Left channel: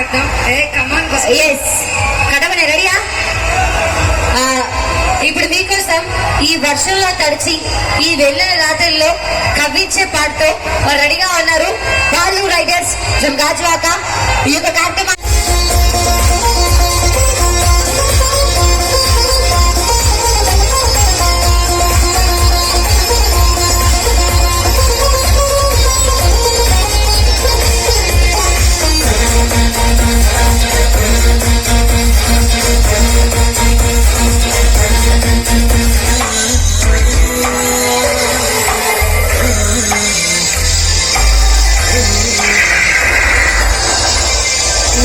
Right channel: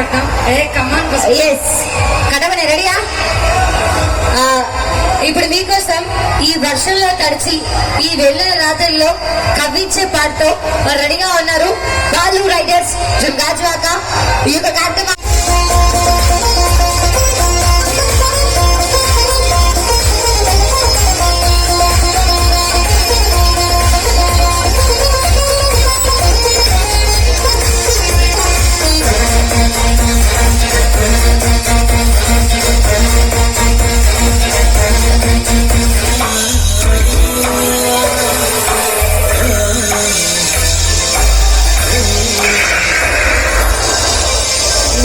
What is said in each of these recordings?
పడతాం. కడవనే రెడీయా? ఇప్పుడు మీకోసం ఈ వర్షంలో తడిచి ఈ వెళ్ళిన రాత్రుల్లో కవ్వించే పాటతో రెడీగా ఉన్నారు వాళ్ళు రైడర్స్ ఫ్రమ్ గాజువాక. ఈ యొక్క కార్యక్రమం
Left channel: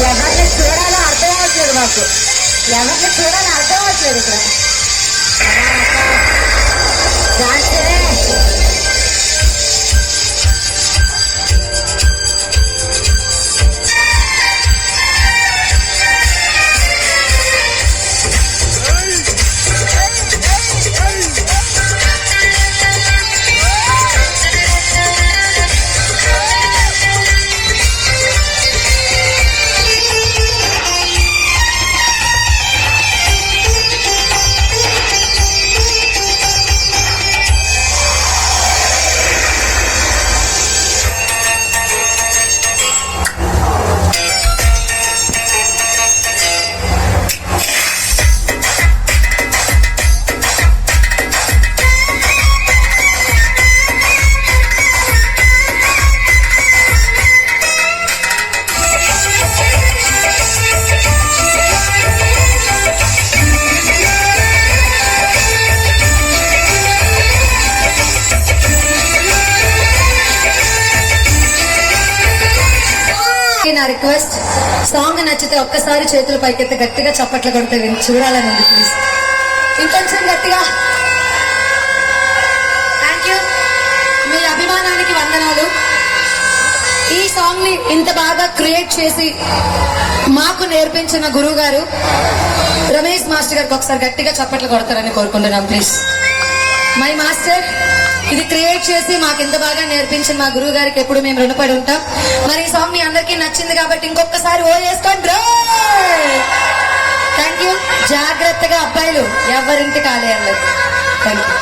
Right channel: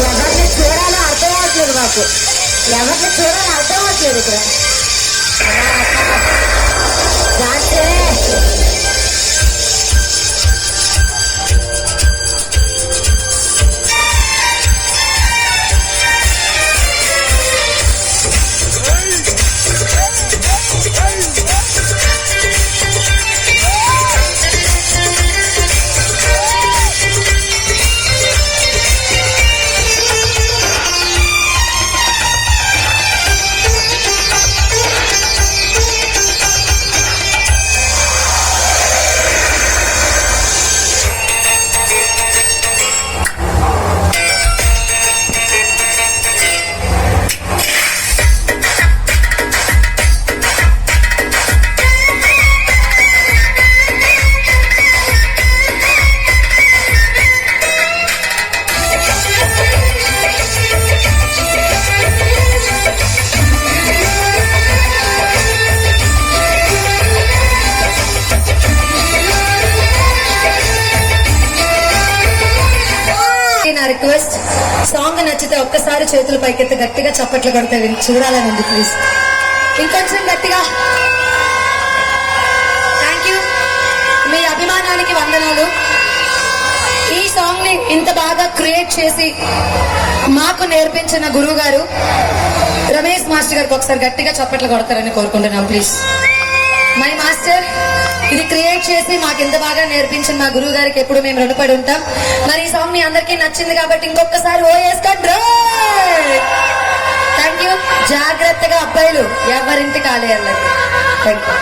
ఎవరిని చూడాలో అర్థం అవ్వట్లేదు. మాకు ఎవరిని చూడాలో అర్థం అవ్వట్లేదు. ఇక్కడ నా రిక్వెస్ట్, సాంగ్ నచ్చితే ఒక్కసారి చేతులు పైకెత్తి గట్టిగా చప్పట్లు కొడితే చూడాలని ఉంది. ప్లీజ్ ఇంకొంచెం గట్టిగా. Thank you. మీ అభిమానానికి వందనాలు. ఈ సాంగ్ ని ఇంత బాగా క్రియేట్ చేసి మాకు నేర్పించిన గురువు గారు రమేష్ మాస్టర్ గారికి ఒకసారి గట్టిగా చప్పట్లు కొడతారని కోరుకుంటున్నాం. ప్లీజ్ మై మాస్టర్, ఇది క్రియేట్ చేసి మాకు ఎంత బాగా నేర్పించిన మా గురువు గారికి ఎప్పుడు మేము రుణపడి ఉంటాం. మరి ఈ సాంగ్ మీ అందరికీ నచ్చింది కాబట్టి ఇంకొకసారి ఓ వేసుకోండి. Thank you. జాగ్రత్తగా అబ్బాయిలు ఎవరింటి ఖాళీ అన్నది. Thank you.